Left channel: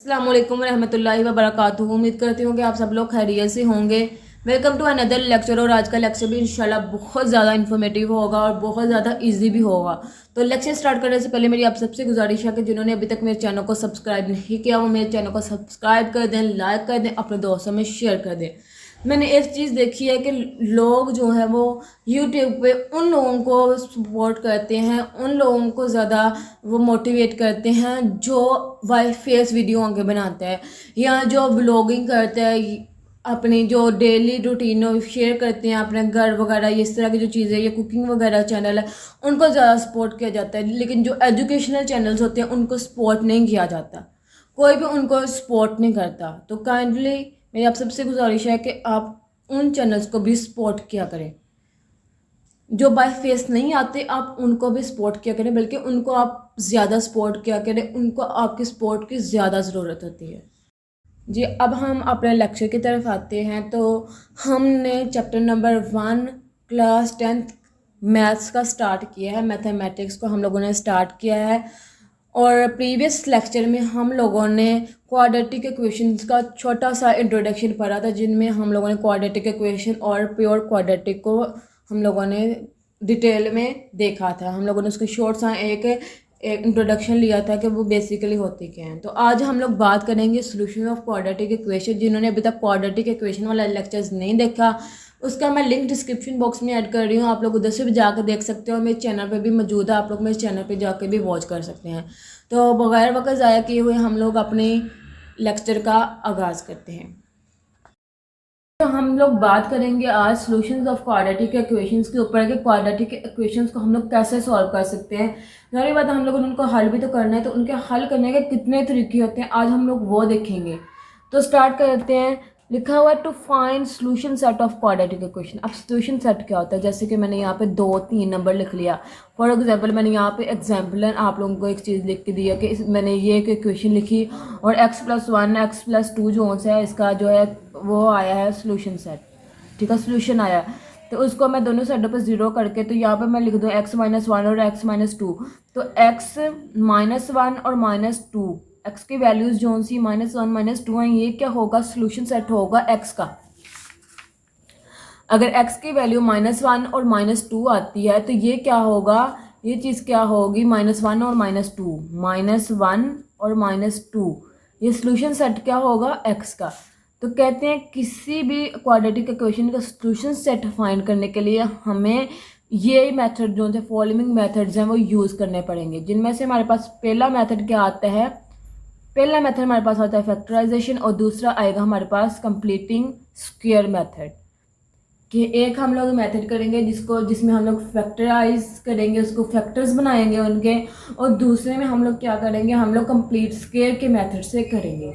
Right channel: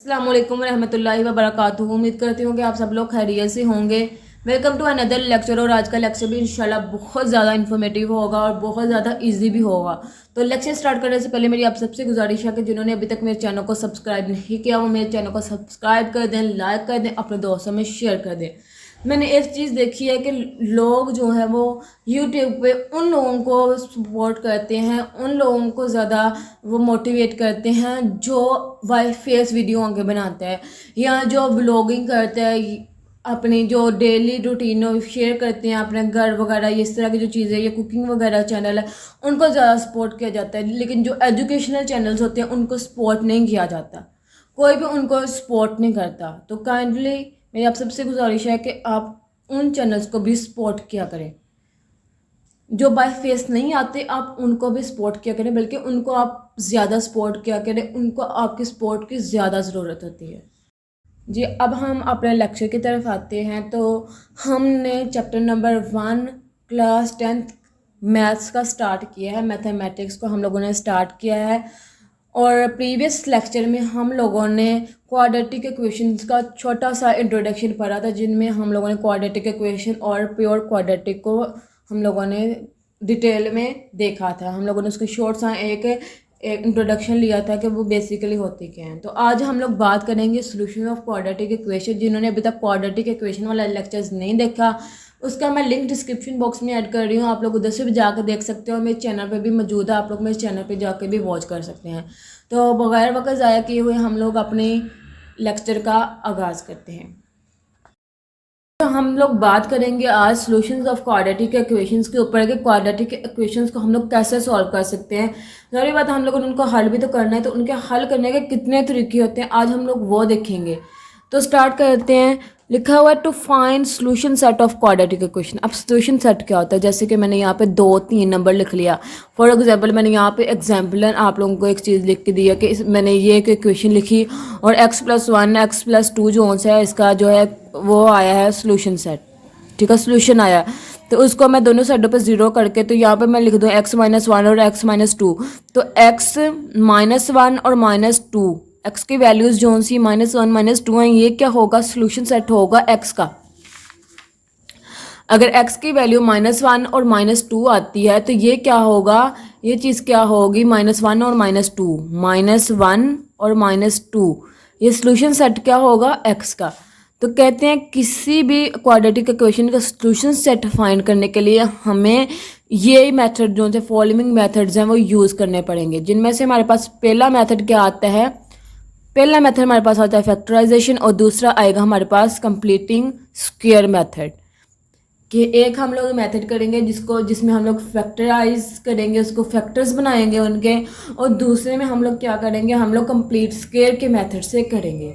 अस्सलाम वालेकुम रहमतुल्लाहि व बरकातुहू। उम्मीद करती हूँ कि आप सब लोग खैरियत से होंगे। Welcome to another lecture. और आज का लेक्चर भी इंशाल्लाह बहुत ज़्यादा इन्फॉर्मेटिव होगा और बहुत ज़्यादा इजी भी होगा। तो लेक्चर स्टार्ट करने से पहले मेरी आप सबसे गुजारिश है कि जिन्होंने अभी तक मेरे चैनल को सब्सक्राइब नहीं किया वो मेरे चैनल को सब्सक्राइब कर दें, लाइक कर दें, अपने दोस्तों में शेयर कर दें। मैंने एक चीज़ देखी है कि लोग जो है वो यूट्यूब पे उन लोगों को सपोर्ट करते हैं, उन लोगों को ज़्यादा वो मोटिवेट करते हैं जो वाई फेस वीडियो आगे बनाते हैं या जो ब्लॉगिंग करते हैं, अपनी जो डेली रूटीन शेयर करते हैं अपने घर वगैरह, इस तरह की जो चीज़ें, ये कुकिंग वगैरह चैनल है, उनको ज़्यादा सपोर्ट किया जाता है। लेकिन जो एजुकेशनल चैनल्स होते हैं उनको सपोर्ट नहीं किया जाता, कोई भी उनको सपोर्ट नहीं करता। तो काइंडली मेरी आप सबसे गुजारिश है कि आप उन चैनल्स को भी सपोर्ट किया करें। जो बाय फेस नहीं आते आप उनको भी सपोर्ट किया करें, बल्कि उनको आप ज़्यादा सपोर्ट किया करें, उनको आपकी सपोर्ट की ज़्यादा ज़रूरत होती है। जी, अब हम अपने लेक्चर की तरफ आते हैं। तो हमने chapter number 1 class 10th maths का स्टार्ट किया है। मैथमेटिक्स को हम लोगों ने स्टार्ट किया है और प्रीवियस लेक्चर में हम लोगों ने क्वाड्रेटिक इक्वेशंस का छोटा सा इंट्रोडक्शन पढ़ा था, जिनमें हम लोगों ने क्वाड्रेटिक इक्वेशन और प्योर क्वाड्रेटिक को हम लोगों ने डिटेल में देखा था। हम लोगों ने उसके शॉर्ट सा एक इंट्रोडक्शन लिया था कि वो बेसिकली होती क्या हैं। तो आज हम लोग बात करेंगे सोल्यूशन ऑफ क्वाड्रेटिक इक्वेशन। जिन्होंने अभी तक क्वाड्रेटिक इक्वेशन वाला लेक्चर्स नहीं देखा उसका मैं लिंक डिस्क्रिप्शन बॉक्स में ऐड कर रही हूँ, आप लोग उधर से भी जाकर देख सकते हो। मेरे चैनल पे भी मौजूद है, आप लोग मेरे चैनल पे जाकर भी वॉच कर सकते हैं। तो बगैर वक्त ज़ाया किए हुए हम लोग अपने लेक्चर का आगाज़ करते हैं। तो हम लोग बात करेंगे आज सॉल्यूशंस ऑफ क्वाड्रेटिक इक्वेशंस के ऊपर कि क्वाड्रेटिक इक्वेशंस को हम लोग कैसे सॉल्व कर सकते हैं। जाहिर बात है हम लोगों ने उनको हल भी तो करना है, तो उनके हल करने के कितने तरीके होते हैं आज हम लोग वो देखेंगे। तो स्टार्ट करते हैं। लिखा हुआ है to find solution set of quadratic equation. अब सॉल्यूशन सेट क्या होता है, जैसे कि मैंने यहाँ पे 2-3 नंबर लिख लिया। फॉर एग्जांपल मैंने यहाँ पे एग्जाम्पल आप लोगों को एक चीज़ लिख के दिया कि मैंने ये एक इक्वेशन लिखी और x+1 x+2 जो है इसका जो है वो आया है सॉल्यूशन सेट। ठीक है, सॉल्यूशन आया तो उसको मैं दोनों साइडों पे ज़ीरो करके तो यहाँ पे मैं लिख दूँ x-1 और x-2। तो x-1 और -2 x की वैल्यूज़ जो सी -1 -2 हैं, ये क्या होगा, सॉल्यूशन सेट होगा x का। अगर x की वैल्यू -1 और -2 आती है तो ये क्या होगा, ये चीज़ क्या होगी, -1 और -2, -1 और -2, ये सॉल्यूशन सेट क्या होगा, x का। तो कहते हैं किसी भी क्वाड्रेटिक इक्वेशन का सॉल्यूशन सेट फाइंड करने के लिए हमें ये मेथड जो है फॉलोइंग मेथड्स हैं वो यूज़ करने पड़ेंगे, जिनमें से हमारे पास पहला मेथड क्या आता है, पहला मेथड हमारे पास आता है फैक्टराइजेशन और दूसरा आएगा हमारे पास कंप्लीटिंग स्क्वायर मेथड। कि एक हम लोग मेथड करेंगे जिसमें हम लोग फैक्टराइज करेंगे, उसको फैक्टर्स बनाएंगे उनके, और दूसरे में हम लोग क्या करेंगे, हम लोग कंप्लीट स्क्वायर के मेथड से करेंगे।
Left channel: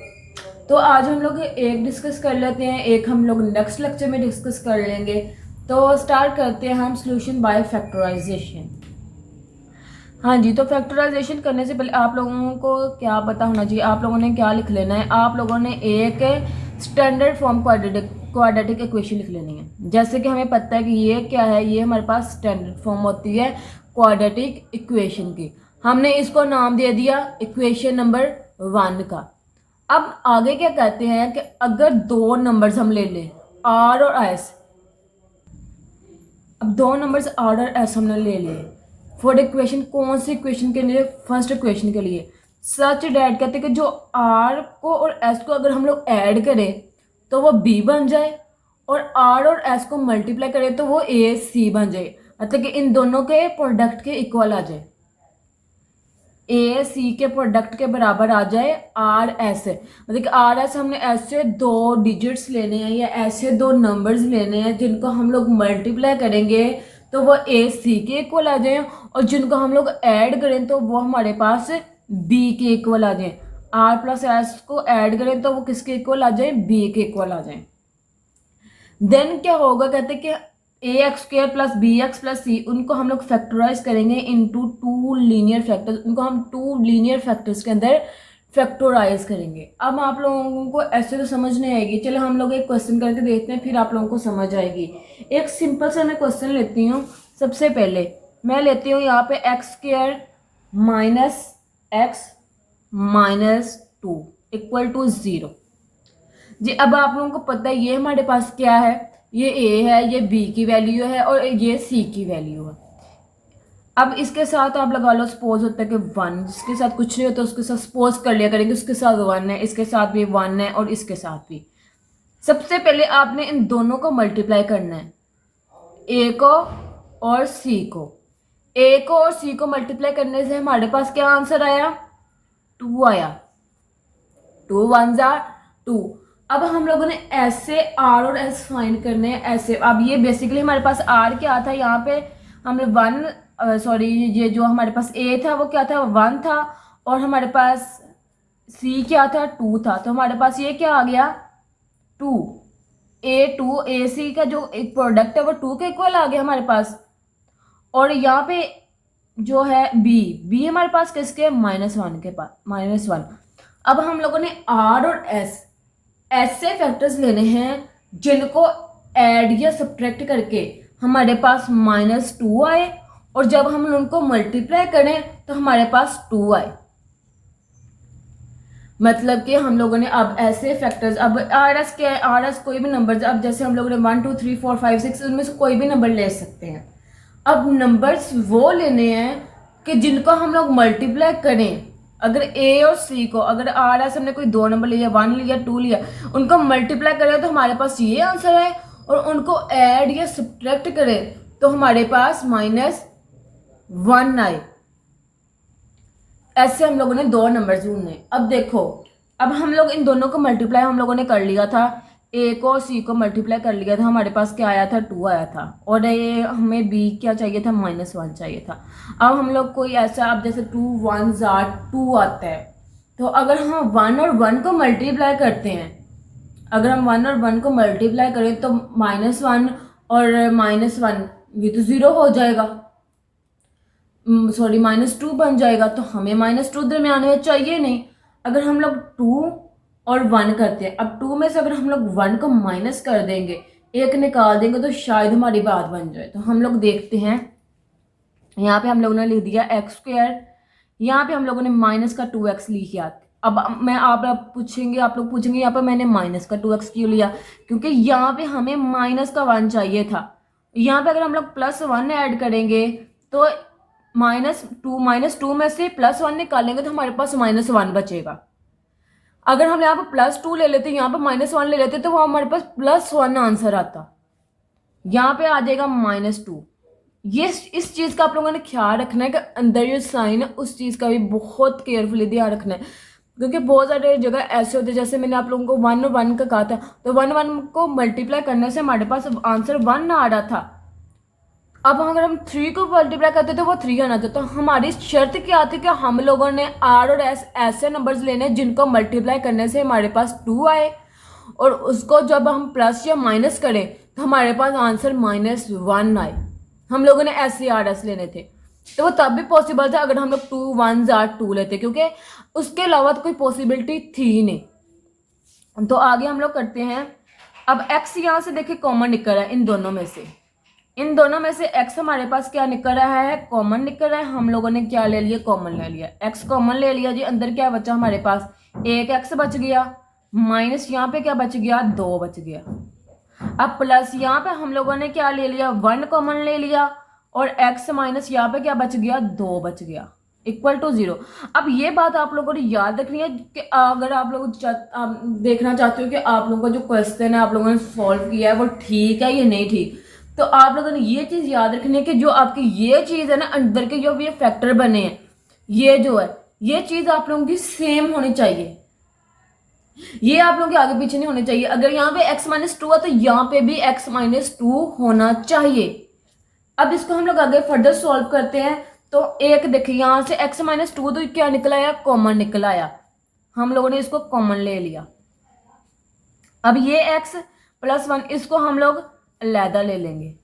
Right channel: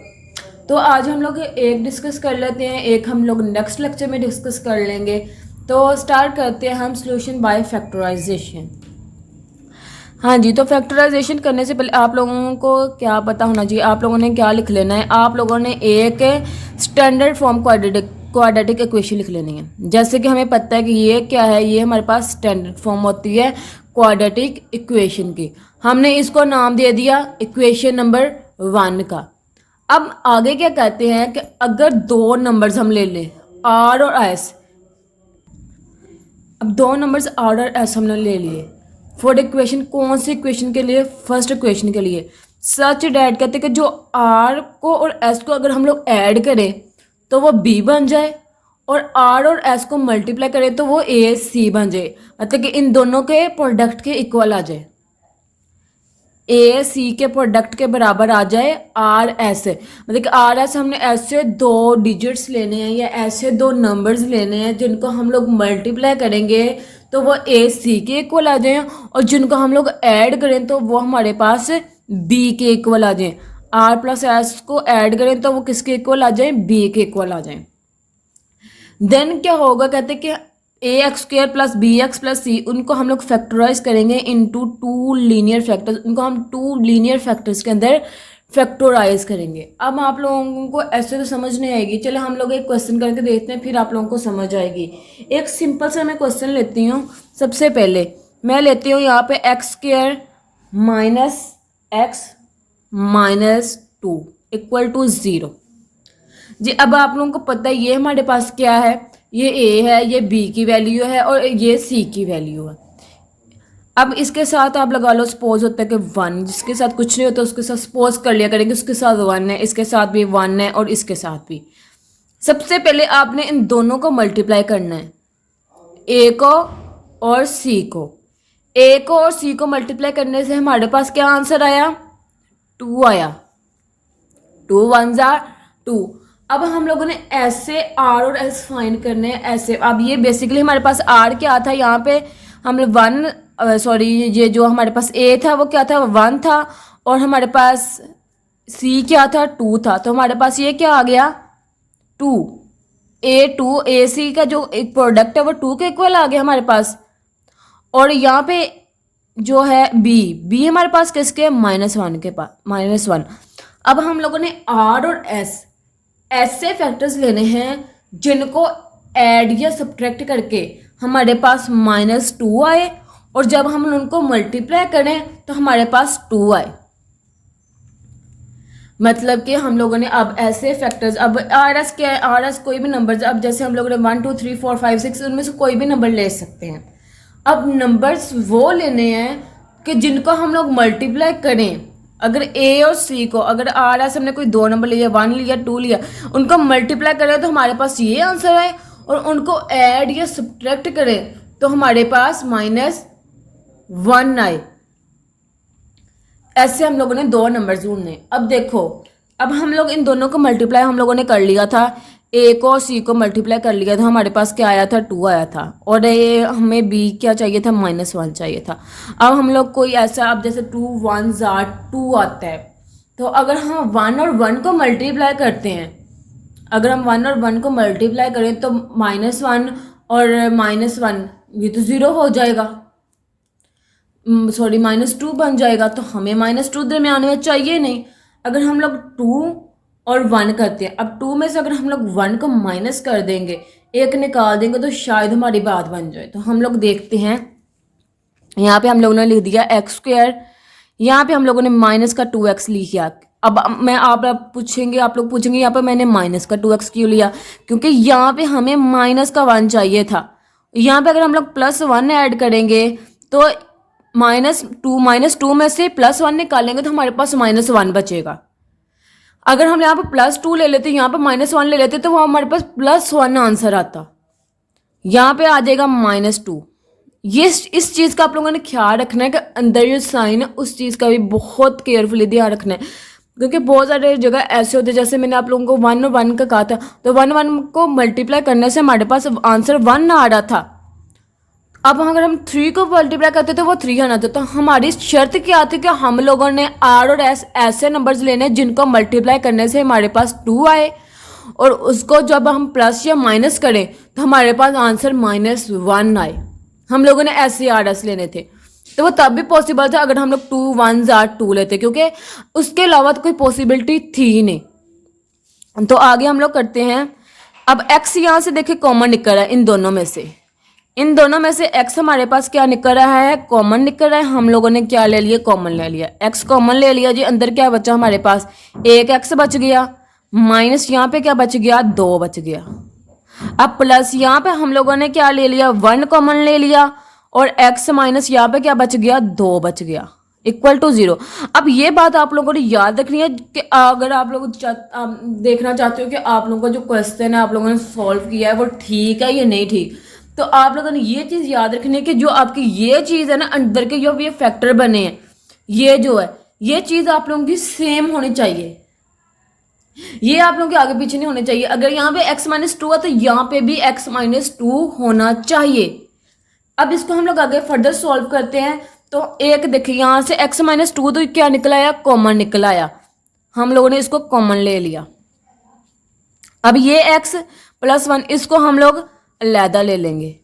तो आज हम लोग एक डिस्कस कर लेते हैं, एक हम लोग नेक्स्ट लेक्चर में डिस्कस कर लेंगे। तो स्टार्ट करते हैं हम सॉल्यूशन बाय फैक्टराइजेशन। हाँ जी, तो फैक्टराइजेशन करने से पहले आप लोगों को क्या पता होना चाहिए, आप लोगों ने क्या लिख लेना है, आप लोगों ने एक स्टैंडर्ड फॉर्म क्वाड्रेटिक इक्वेशन लिख लेनी है। जैसे कि हमें पता है कि ये क्या है, ये हमारे पास स्टैंडर्ड फॉर्म होती है क्वाड्रेटिक इक्वेशन की। हमने इसको नाम दे दिया इक्वेशन नंबर 1 का। अब आगे क्या कहते हैं कि अगर दो नंबर्स हम ले लें आर और एस, अब दो नंबर्स आर और एस हमने ले लिए फॉर इक्वेशन, कौन सी इक्वेशन के लिए, फर्स्ट इक्वेशन के लिए। सच डैट कहते हैं कि जो आर को और एस को अगर हम लोग ऐड करें तो वो बी बन जाए, और आर और एस को मल्टीप्लाई करें तो वो ए सी बन जाए, मतलब कि इन दोनों के प्रोडक्ट के इक्वल आ जाए, ए सी के प्रोडक्ट के बराबर आ जाए आर एस। मतलब कि आर एस हमने ऐसे दो डिजिट्स लेने हैं या ऐसे दो नंबर्स लेने हैं जिनको हम लोग मल्टीप्लाई करेंगे तो वो ए सी के इक्वल आ जाए, और जिनको हम लोग ऐड करें तो वो हमारे पास बी के इक्वल आ जाए। आर प्लस एस को ऐड करें तो वो किसके इक्वल आ जाए, बी के इक्वल आ जाए। देन क्या होगा, कहते हैं कि ax² प्लस bx प्लस सी, उनको हम लोग फैक्टराइज करेंगे इनटू 2 लीनियर फैक्टर्स, उनको हम 2 लीनियर फैक्टर्स के अंदर फैक्टराइज करेंगे। अब आप लोगों को ऐसे तो समझ नहीं आएगी, चलो हम लोग एक क्वेश्चन करके देखते हैं, फिर आप लोगों को समझ आएगी। एक सिंपल सा मैं क्वेश्चन लेती हूँ। सबसे पहले मैं लेती हूँ यहाँ पे x² minus x minus 2, equal to 0 जी। अब आप लोगों को पता है ये हमारे पास क्या है, ये ए है, ये बी की वैल्यू है और ये सी की वैल्यू है। अब इसके साथ आप लगा लो सपोज होता है कि 1, जिसके साथ कुछ नहीं होता उसके साथ सपोज कर लिया करेंगे, उसके साथ 1 है, इसके साथ भी 1 है और इसके साथ भी। सबसे पहले आपने इन दोनों को मल्टीप्लाई करना है, ए को और सी को। ए को और सी को मल्टीप्लाई करने से हमारे पास क्या आंसर आया, 2 आया। 2 1 जार 2। अब हम लोगों ने ऐसे आर और एस फाइंड करने हैं ऐसे। अब ये बेसिकली हमारे पास आर क्या था, यहाँ पे हमने 1 सॉरी ये जो हमारे पास ए था वो क्या था, 1 था, और हमारे पास सी क्या था, 2 था। तो हमारे पास ये क्या आ गया, 2। ए सी का जो एक प्रोडक्ट है वो 2 के इक्वल आ गया हमारे पास। और यहाँ पे जो है बी हमारे पास किसके, -1 के पास, -1। अब हम लोगों ने आर और एस ऐसे फैक्टर्स लेने हैं जिनको ऐड या सब्ट्रैक्ट करके हमारे पास -2 आए, और जब हम उनको मल्टीप्लाई करें तो हमारे पास 2 आए। मतलब कि हम लोगों ने अब ऐसे फैक्टर्स, अब आर एस क्या है, आर एस कोई भी नंबर, अब जैसे हम लोगों ने 1 2 3 4 5 6 उनमें से कोई भी नंबर ले सकते हैं। अब नंबर्स वो लेने हैं कि जिनको हम लोग मल्टीप्लाई करें। अगर ए और सी को, अगर आर एस हमने कोई 2 नंबर लिया, 1 लिया 2 लिया, उनको मल्टीप्लाई करें तो हमारे पास ये आंसर आए, और उनको ऐड या सब्ट्रैक्ट करें तो हमारे पास -1 आए। ऐसे हम लोगों ने 2 नंबर ढूंढने। अब देखो, अब हम लोग इन दोनों को मल्टीप्लाई हम लोगों ने कर लिया था, ए को और सी को मल्टीप्लाई कर लिया था, हमारे पास क्या आया था, 2 आया था। और ये हमें बी क्या चाहिए था, -1 चाहिए था। अब हम लोग कोई ऐसा, अब जैसे 2 1 जार 2 आता है, तो अगर हम 1 और 1 को मल्टीप्लाई करते हैं, अगर हम 1 और 1 को मल्टीप्लाई करें तो -1 और -1 ये तो 0 हो जाएगा, सॉरी -2 बन जाएगा। तो हमें -2 दरमियान में चाहिए नहीं। अगर हम लोग 2 और 1 करते हैं, अब 2 में से अगर हम लोग 1 को माइनस कर देंगे, एक निकाल देंगे, तो शायद हमारी बात बन जाए। तो हम लोग देखते हैं, यहाँ पे हम लोगों ने लिख दिया x², यहाँ पे हम लोगों ने -2x लिखा। अब मैं आप लोग पूछेंगे यहाँ पे मैंने -2x क्यों लिया, क्योंकि यहाँ पे हमें -1 चाहिए था। यहाँ पे अगर हम लोग +1 ऐड करेंगे तो -2 में से +1 निकालेंगे तो हमारे पास -1 बचेगा। अगर हम यहाँ पे +2 ले लेते, यहाँ पे -1 ले लेते, तो वो हमारे पास +1 आंसर आता, यहाँ पे आ जाएगा -2। ये इस चीज़ का आप लोगों ने ख्याल रखना है कि अंदर जो साइन है उस चीज़ का भी बहुत केयरफुली ध्यान रखना है, क्योंकि बहुत सारे जगह ऐसे होते हैं, जैसे मैंने आप लोगों को 1 और 1 का कहा था, तो 1 1 को मल्टीप्लाई करने से हमारे पास आंसर 1 आ रहा था। अब अगर हम 3 को मल्टीप्लाई करते तो वो 3 आना था। तो हमारी शर्त क्या थी कि हम लोगों ने आर और एस ऐसे नंबर्स लेने जिनको मल्टीप्लाई करने से हमारे पास 2 आए, और उसको जब हम प्लस या माइनस करें तो हमारे पास आंसर -1 आए। हम लोगों ने ऐसे आर एस लेने थे, तो वो तब भी पॉसिबल था अगर हम लोग 2 1 जार 2 लेते, क्योंकि उसके अलावा तो कोई पॉसिबिलिटी थी ही नहीं। तो आगे हम लोग करते हैं। अब x यहाँ से देखिए कॉमन निकल रहा है इन दोनों में से, इन दोनों में से x हमारे पास क्या निकल रहा है, कॉमन निकल रहा है। हम लोगों ने क्या ले लिया, कॉमन ले लिया, x कॉमन ले लिया जी। अंदर क्या बचा हमारे पास, एक x बच गया, माइनस यहाँ पे क्या बच गया, 2 बच गया। अब प्लस यहाँ पे हम लोगों ने क्या ले लिया, 1 कॉमन ले लिया, और x माइनस यहाँ पे क्या बच गया, 2 बच गया, इक्वल टू 0। अब ये बात आप लोगों ने याद रखनी है कि अगर आप लोग देखना चाहते हो कि आप लोगों का जो क्वेश्चन है आप लोगों ने सॉल्व किया है वो ठीक है या नहीं ठीक, तो आप लोगों ने ये चीज़ याद रखनी है कि जो आपकी ये चीज़ है ना, अंदर के जो ये फैक्टर बने हैं, ये जो है ये चीज़ आप लोगों की सेम होनी चाहिए, ये आप लोगों के आगे पीछे नहीं होने चाहिए। अगर यहाँ पे x-2 है तो यहाँ पे भी x-2 होना चाहिए। अब इसको हम लोग आगे फर्दर सॉल्व करते हैं। तो एक देखिए यहाँ से x-2 तो क्या निकला आया, कॉमन निकला आया, हम लोगों ने इसको कॉमन ले लिया। अब ये x + 1 इसको हम लोग अलहदा ले लेंगे,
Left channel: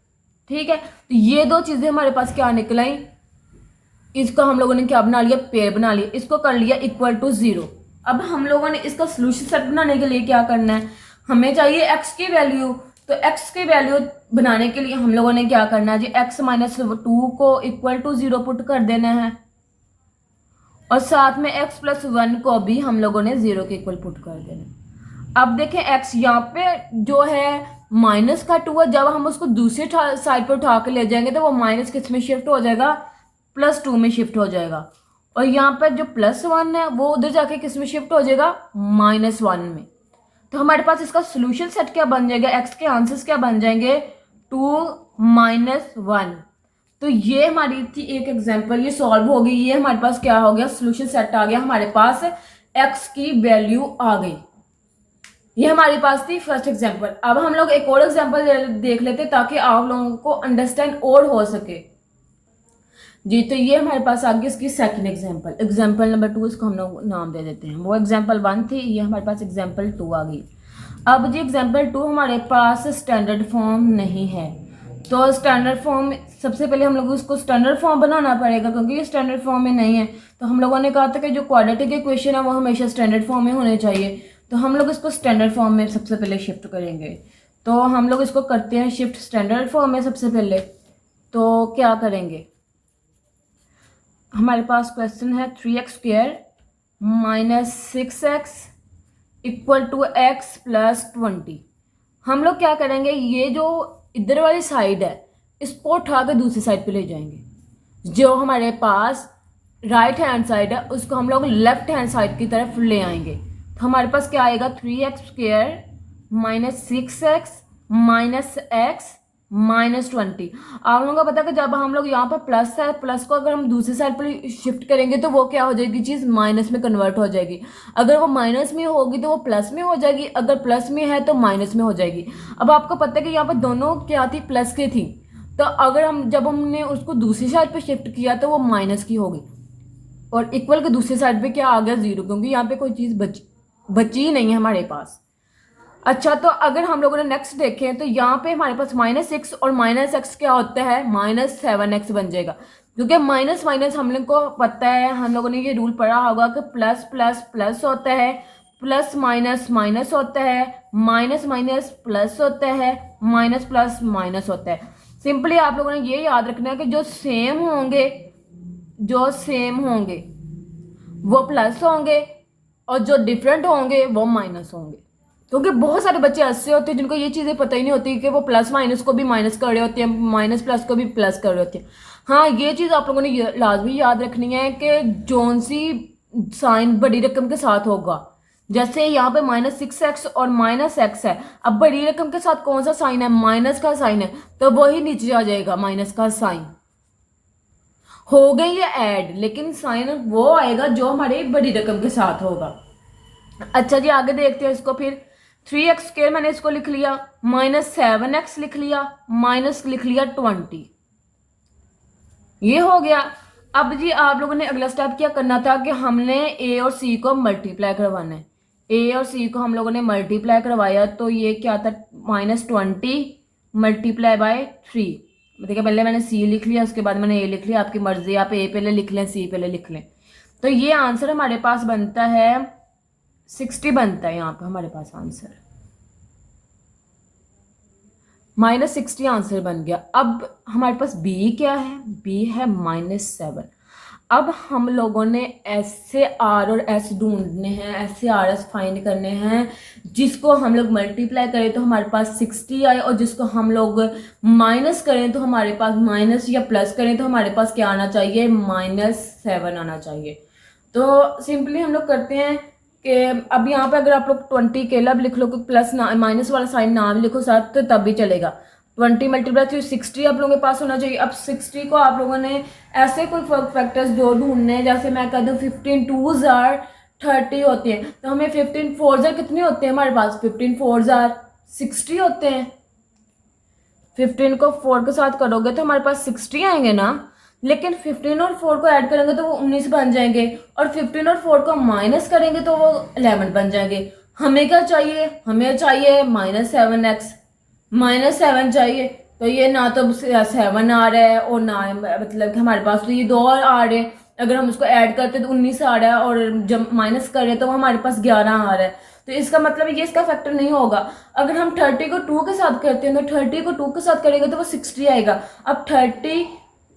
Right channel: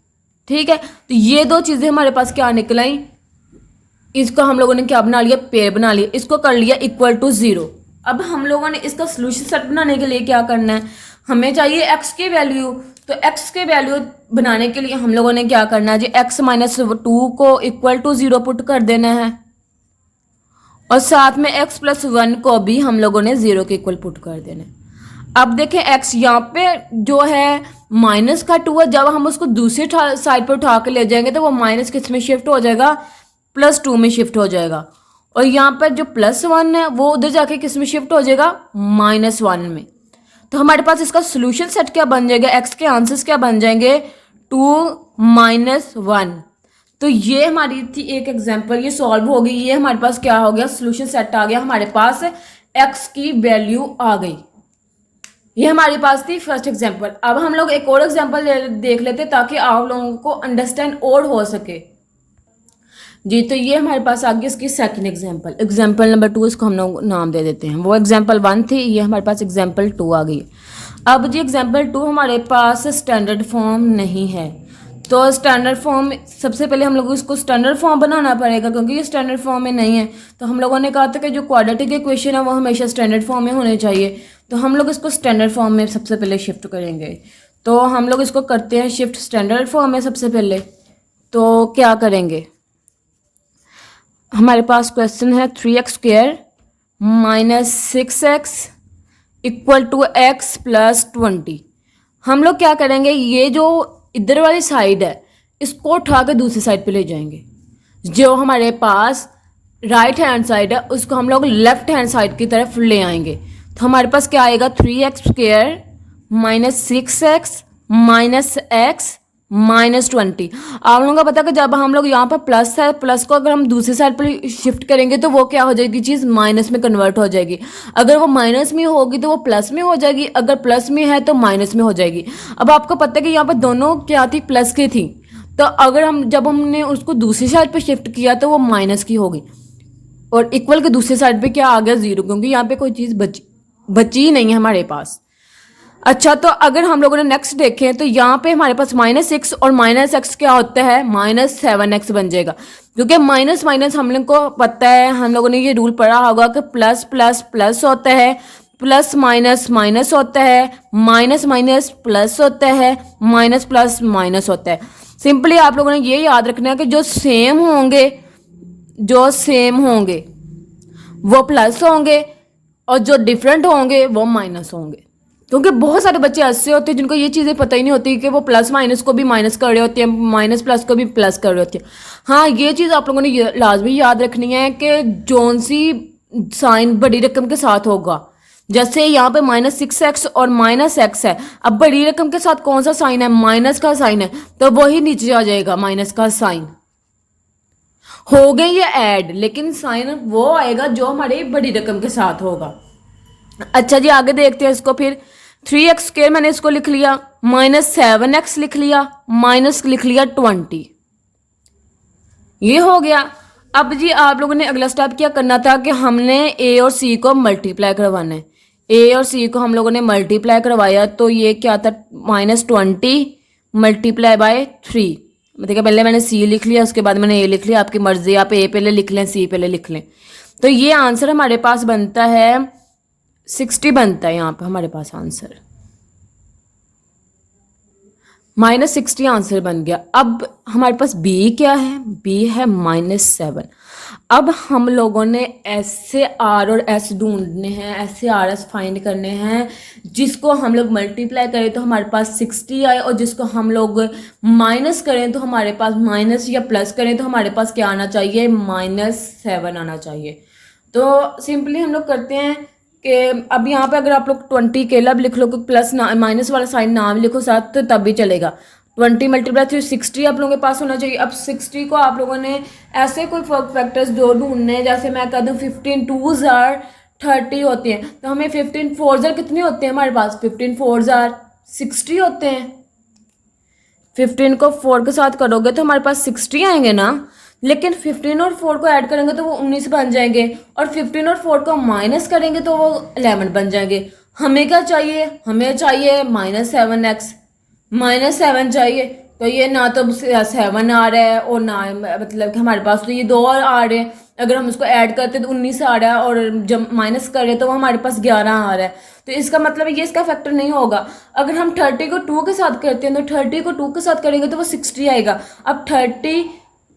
ठीक है। तो ये दो चीज़ें हमारे पास क्या निकल आई, इसको हम लोगों ने क्या बना लिया, पेयर बना लिया, इसको कर लिया इक्वल टू 0। अब हम लोगों ने इसका सोल्यूशन सेट बनाने के लिए क्या करना है, हमें चाहिए x की वैल्यू। तो x की वैल्यू बनाने के लिए हम लोगों ने क्या करना है जी, x - 2 को इक्वल टू 0 पुट कर देना है, और साथ में x+1 को भी हम लोगों ने 0 के इक्वल पुट कर देना। अब देखें x यहाँ पे जो है माइनस का 2 है, जब हम उसको दूसरी साइड पर उठा के ले जाएंगे तो वो माइनस किस में शिफ्ट हो जाएगा, +2 में शिफ्ट हो जाएगा। और यहाँ पर जो +1 है वो उधर जाके किस में शिफ्ट हो जाएगा, -1 में। तो हमारे पास इसका सोल्यूशन सेट क्या बन जाएगा, x के आंसर्स क्या बन जाएंगे, 2 - 1। तो ये हमारी थी एक एग्जांपल, ये सॉल्व हो गई। ये हमारे पास क्या हो गया, सोल्यूशन सेट आ गया, हमारे पास x की वैल्यू आ गई। ये हमारे पास थी फर्स्ट एग्जांपल। अब हम लोग एक और एग्जांपल देख लेते ताकि आप लोगों को अंडरस्टैंड और हो सके जी। तो ये हमारे पास आ गई इसकी सेकंड एग्जांपल, एग्जांपल नंबर 2 इसको हम लोग नाम दे देते हैं। वो एग्जांपल 1 थी, ये हमारे पास एग्जांपल 2 आ गई। अब जी एग्जांपल 2 हमारे पास स्टैंडर्ड फॉर्म नहीं है, तो स्टैंडर्ड फॉर्म सबसे पहले हम लोग इसको स्टैंडर्ड फॉर्म बनाना पड़ेगा, क्योंकि ये स्टैंडर्ड फॉर्म में नहीं है। तो हम लोगों ने कहा था कि जो क्वाड्रेटिक इक्वेशन है वो हमेशा स्टैंडर्ड फॉर्म में होने चाहिए। तो हम लोग इसको स्टैंडर्ड फॉर्म में सबसे पहले शिफ्ट करेंगे। तो हम लोग इसको करते हैं शिफ्ट स्टैंडर्ड फॉर्म में सबसे पहले। तो क्या करेंगे, हमारे पास क्वेश्चन है 3x² - 6x = x + 20। हम लोग क्या करेंगे, ये जो इधर वाली साइड है इसको उठा के दूसरी साइड पे ले जाएंगे। जो हमारे पास राइट हैंड साइड है उसको हम लोग लेफ्ट हैंड साइड की तरफ ले आएंगे। तो हमारे पास क्या आएगा, 3x² - 6x - x -20। आप लोगों को पता है कि जब हम लोग यहाँ पर प्लस है, प्लस को अगर हम दूसरी साइड पर शिफ्ट करेंगे तो वो क्या हो जाएगी, चीज़ माइनस में कन्वर्ट हो जाएगी। अगर वो माइनस में होगी तो वो प्लस में हो जाएगी, अगर प्लस में है तो माइनस में हो जाएगी। अब आपको पता है कि यहाँ पर दोनों क्या थी, प्लस की थी। तो अगर जब हमने उसको दूसरी साइड पर शिफ्ट किया तो वो माइनस की होगी, और इक्वल के दूसरी साइड पर क्या आ गया, 0, क्योंकि यहाँ पे कोई चीज़ बची ही नहीं है हमारे पास। अच्छा, तो अगर हम लोगों ने नेक्स्ट देखें तो यहाँ पे हमारे पास -6 और -x क्या होता है, -7x बन जाएगा। क्योंकि माइनस माइनस हम लोग को पता है, हम लोगों ने ये रूल पढ़ा होगा कि प्लस प्लस प्लस होता है, प्लस माइनस माइनस होता है, माइनस माइनस प्लस होता है, माइनस प्लस माइनस होता है। सिंपली आप लोगों ने ये याद रखना है कि जो सेम होंगे वो प्लस होंगे और जो डिफरेंट होंगे वो माइनस होंगे। क्योंकि बहुत सारे बच्चे ऐसे होते हैं जिनको ये चीज़ें पता ही नहीं होती कि वो प्लस माइनस को भी माइनस कर रहे होते हैं, माइनस प्लस को भी प्लस कर रहे होते हैं। हाँ, ये चीज़ आप लोगों ने लाजमी याद रखनी है कि जौन सी साइन बड़ी रकम के साथ होगा, जैसे यहाँ पे -6x और -x है। अब बड़ी रकम के साथ कौन सा साइन है, माइनस का साइन है, तो वही नीचे आ जाएगा माइनस का साइन। हो गई ये ऐड, लेकिन साइन वो आएगा जो हमारी बड़ी रकम के साथ होगा। अच्छा जी, आगे देखते हैं इसको। फिर 3x² मैंने इसको लिख लिया, -7x लिख लिया, माइनस लिख लिया 20, ये हो गया। अब जी आप लोगों ने अगला स्टेप क्या करना था कि हमने a और c को मल्टीप्लाई करवाना है। a और c को हम लोगों ने मल्टीप्लाई करवाया तो ये क्या था, -20 × 3। देखिए पहले मैंने c लिख लिया, उसके बाद मैंने a लिख लिया, आपकी मर्जी, आप a पहले लिख लें, c पहले लिख लें। तो ये आंसर हमारे पास बनता है 60 बनता है यहाँ पे हमारे पास आंसर, -60 आंसर बन गया। अब हमारे पास b क्या है, b है -7। अब हम लोगों ने S से R और S ढूंढने हैं, S से R S फाइंड करने हैं, जिसको हम लोग मल्टीप्लाई करें तो हमारे पास 60 आए, और जिसको हम लोग माइनस करें तो हमारे पास माइनस, या प्लस करें तो हमारे पास क्या आना चाहिए, -7 आना चाहिए। तो सिंपली हम लोग करते हैं कि अब यहाँ पे अगर आप लोग 20 अकेला भी लिख लो, क्योंकि प्लस ना माइनस वाला साइन ना भी लिखो साथ तो तब भी चलेगा। 20 × 60 आप लोगों के पास होना चाहिए। अब 60 को आप लोगों ने ऐसे कोई फैक्टर्स जो ढूंढने हैं, जैसे मैं कह दूँ 15 2s are 30 होते हैं, तो हमें 15 4s are कितने होते हैं हमारे पास, 15 4s are 60 होते हैं। 15 को 4 के साथ करोगे तो हमारे पास 60 आएंगे ना, लेकिन 15 और 4 को ऐड करेंगे तो वो 19 बन जाएंगे, और 15 और 4 को माइनस करेंगे तो वो 11 बन जाएंगे। हमें क्या चाहिए, हमें चाहिए -7x, -7 चाहिए। तो ये ना तो 7 आ रहा है और ना, मतलब कि हमारे पास तो ये 2 और आ रहे हैं। अगर हम इसको ऐड करते तो 19 आ रहा है, और जब माइनस करें तो हमारे पास 11 आ रहा है। तो इसका मतलब ये इसका फैक्टर नहीं होगा। अगर हम 30 को 2 के साथ करते हैं तो 30 को 2 के साथ करेंगे तो वो 60 आएगा। अब 30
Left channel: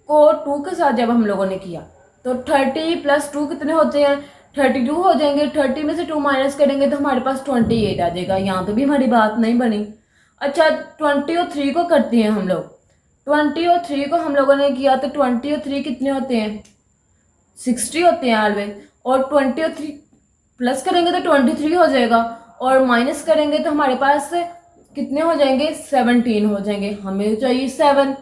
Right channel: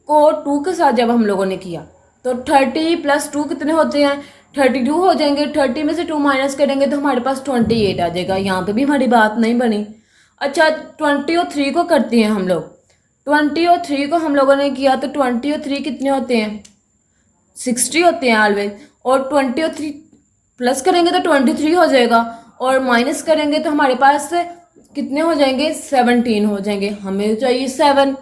को 2 के साथ जब हम लोगों ने किया तो 30 + 2 कितने होते हैं, 32 हो जाएंगे। 30 में से 2 माइनस करेंगे तो हमारे पास 28 आ जाएगा। यहाँ पे भी हमारी बात नहीं बनी। अच्छा 20 और 3 को करते हैं हम लोग। 20 और 3 को हम लोगों ने किया तो 20 और 3 कितने होते हैं, 60 होते हैं ऑलवेज। और 20 और 3 प्लस करेंगे तो 23 हो जाएगा, और माइनस करेंगे तो हमारे पास कितने हो जाएंगे, 17 हो जाएंगे। हमें चाहिए 7।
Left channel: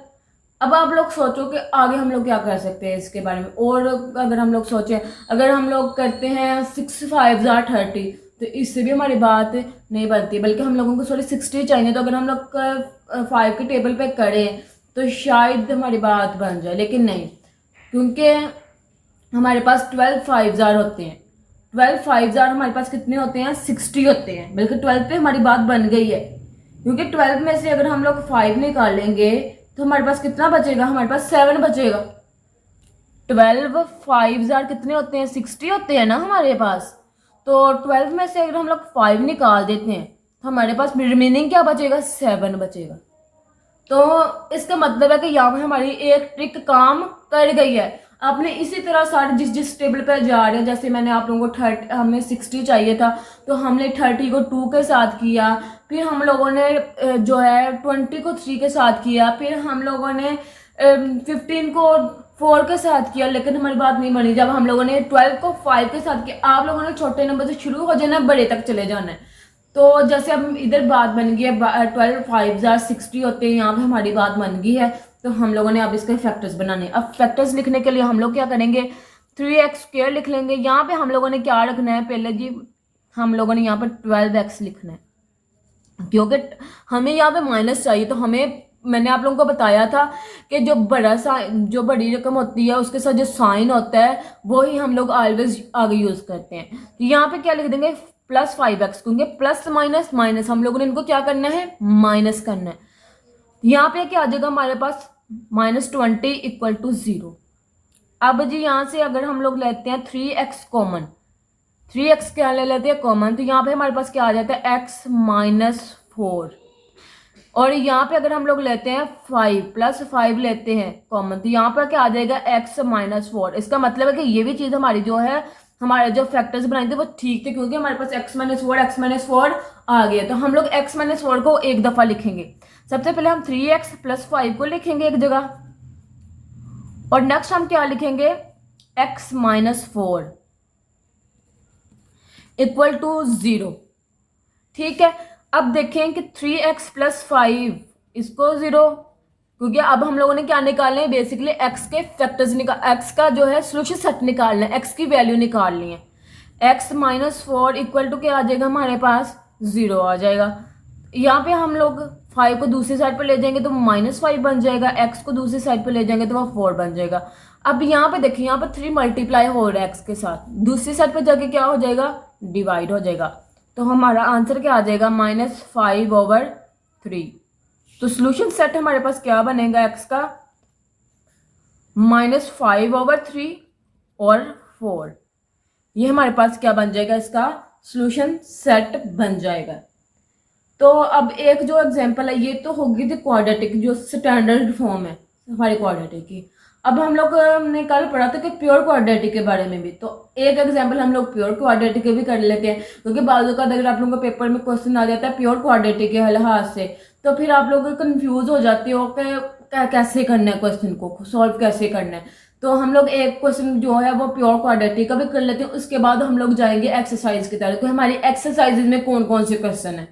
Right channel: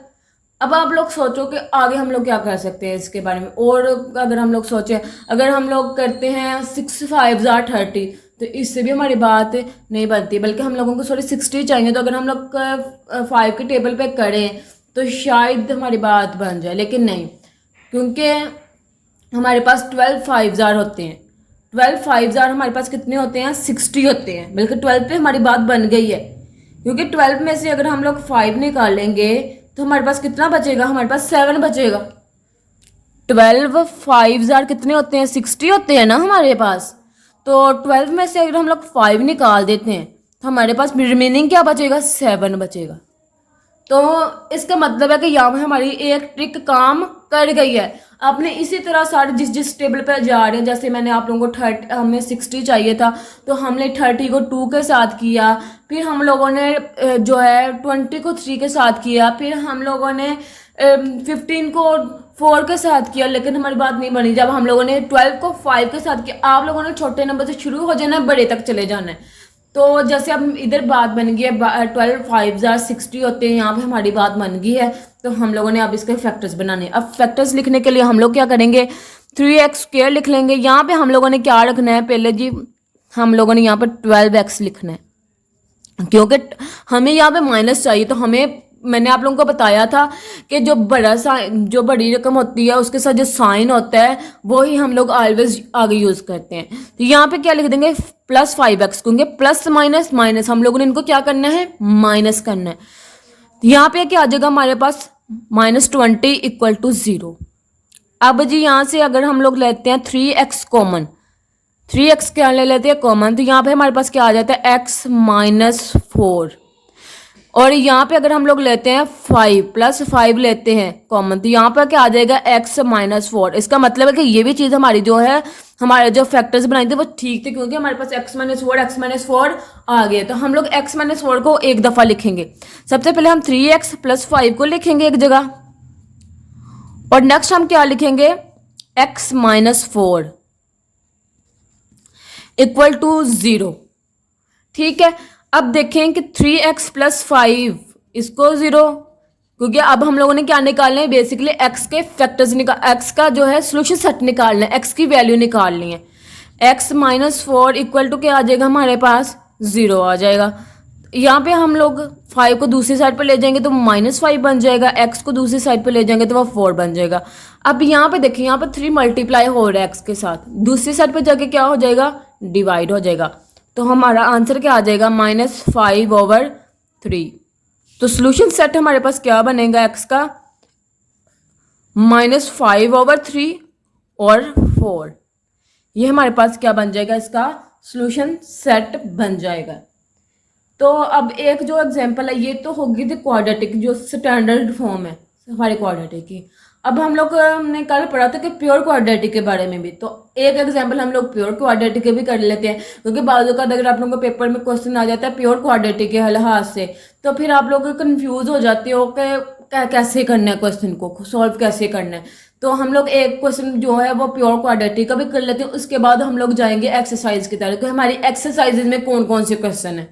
अब आप लोग सोचो कि आगे हम लोग क्या कर सकते हैं इसके बारे में। और अगर हम लोग सोचें, अगर हम लोग करते हैं 6 5 30, तो इससे भी हमारी बात नहीं बनती, बल्कि हम लोगों को थोड़ी 60 चाहिए। तो अगर हम लोग 5 के टेबल पे करें तो शायद हमारी बात बन जाए, लेकिन नहीं, क्योंकि हमारे पास 12 5 होते हैं। 12 5 हमारे पास कितने होते हैं, 60 होते हैं। बल्कि 12 पे हमारी बात बन गई है, क्योंकि 12 में से अगर हम लोग 5 निकालेंगे तो हमारे पास कितना बचेगा, हमारे पास 7 बचेगा। 12 5 कितने होते हैं, 60 होते हैं ना हमारे पास। तो 12 में से अगर हम लोग 5 निकाल देते हैं तो हमारे पास रिमेनिंग क्या बचेगा, 7 बचेगा। तो इसका मतलब है कि यहाँ पे हमारी एक ट्रिक काम कर गई है। आपने इसी तरह सारे जिस जिस टेबल पर जा रहे हैं, जैसे मैंने आप लोगों को 30, हमें 60 चाहिए था तो हमने 30 को 2 के साथ किया, फिर हम लोगों ने जो है 20 को 3 के साथ किया, फिर हम लोगों ने 15 को 4 के साथ किया, लेकिन हमारी बात नहीं बनी। जब हम लोगों ने 12 को 5 के साथ किया, आप लोगों ने छोटे नंबर से शुरू हो जाना, बड़े तक चले जाना है। तो जैसे अब इधर बात बन गई है, 12 5 60 होते हैं, यहाँ पे हमारी बात बन गई है। तो हम लोगों ने अब इसके फैक्टर्स बनाने। अब फैक्टर्स लिखने के लिए हम लोग क्या करेंगे, 3x² लिख लेंगे। यहाँ पे हम लोगों ने क्या रखना है, पहले जी हम लोगों ने यहाँ पर 12x लिखना है, क्योंकि हमें यहाँ पे माइनस चाहिए। तो हमें, मैंने आप लोगों को बताया था कि जो जो बड़ी रकम होती है उसके साथ जो साइन होता है वो ही हम लोग ऑलवेज आगे यूज करते हैं। तो यहाँ पे क्या लिख देंगे, +5x, क्योंकि प्लस माइनस माइनस हम लोगों ने इनको क्या करना है, माइनस करना है। तो यहाँ पे क्या आ जाएगा हमारे पास, -20 = 0। अब जी यहाँ से अगर हम लोग लेते हैं 3x कॉमन, 3x क्या ले लेते हैं कॉमन, तो यहाँ पे हमारे पास क्या आ जाता है, x - 4। और यहाँ पे अगर हम लोग लेते हैं 5 +5 लेते हैं कॉमन, तो यहाँ पर क्या आ जाएगा, x - 4। इसका मतलब है कि ये भी चीज़ हमारी जो है, हमारे जो फैक्टर्स बनाए थे वो ठीक थे, क्योंकि हमारे पास x - 4 आ गया। तो हम लोग x - 4 को एक दफ़ा लिखेंगे। सबसे पहले हम 3x + 5 को लिखेंगे एक जगह, और नेक्स्ट हम क्या लिखेंगे, x - 4 = 0। ठीक है। अब देखें कि 3x + 5 इसको 0, क्योंकि अब हम लोगों ने क्या निकालना है, बेसिकली x के फैक्टर्स x का जो है सोल्यूशन सेट निकालना है, x की वैल्यू निकालनी है। x - 4 = क्या आ जाएगा हमारे पास, 0 आ जाएगा। यहाँ पे हम लोग 5 को दूसरी साइड पर ले जाएंगे तो -5 बन जाएगा, x को दूसरी साइड पर ले जाएंगे तो वो 4 बन जाएगा। अब यहाँ पे देखिए, यहाँ पे 3 मल्टीप्लाई हो रहा है x के साथ, दूसरी साइड पर जाके क्या हो जाएगा, डिवाइड हो जाएगा। तो हमारा आंसर क्या आ जाएगा, -5/3। तो सोल्यूशन सेट हमारे पास क्या बनेगा x का, -5/3 और 4। ये हमारे पास क्या बन जाएगा, इसका सोल्यूशन सेट बन जाएगा। तो अब एक जो एग्जांपल है, ये तो होगी थी क्वाड्रेटिक, जो स्टैंडर्ड फॉर्म है हमारे क्वाड्रेटिक की। अब हम लोग ने कल पढ़ा था कि प्योर क्वाड्रेटिक के बारे में भी, तो एक एग्जांपल हम लोग प्योर क्वाड्रेटिक के भी कर लेते हैं, क्योंकि बाजू का अगर आप लोगों को पेपर में क्वेश्चन आ जाता है प्योर क्वाड्रेटिक के लिहाज से, तो फिर आप लोग कंफ्यूज हो जाते हो कि कैसे करना है, क्वेश्चन को सॉल्व कैसे करना है। तो हम लोग एक क्वेश्चन जो है वो प्योर क्वाड्रेटिक का भी कर लेते हैं, उसके बाद हम लोग जाएंगे एक्सरसाइज की तरफ। तो हमारी एक्सरसाइज में कौन कौन से क्वेश्चन है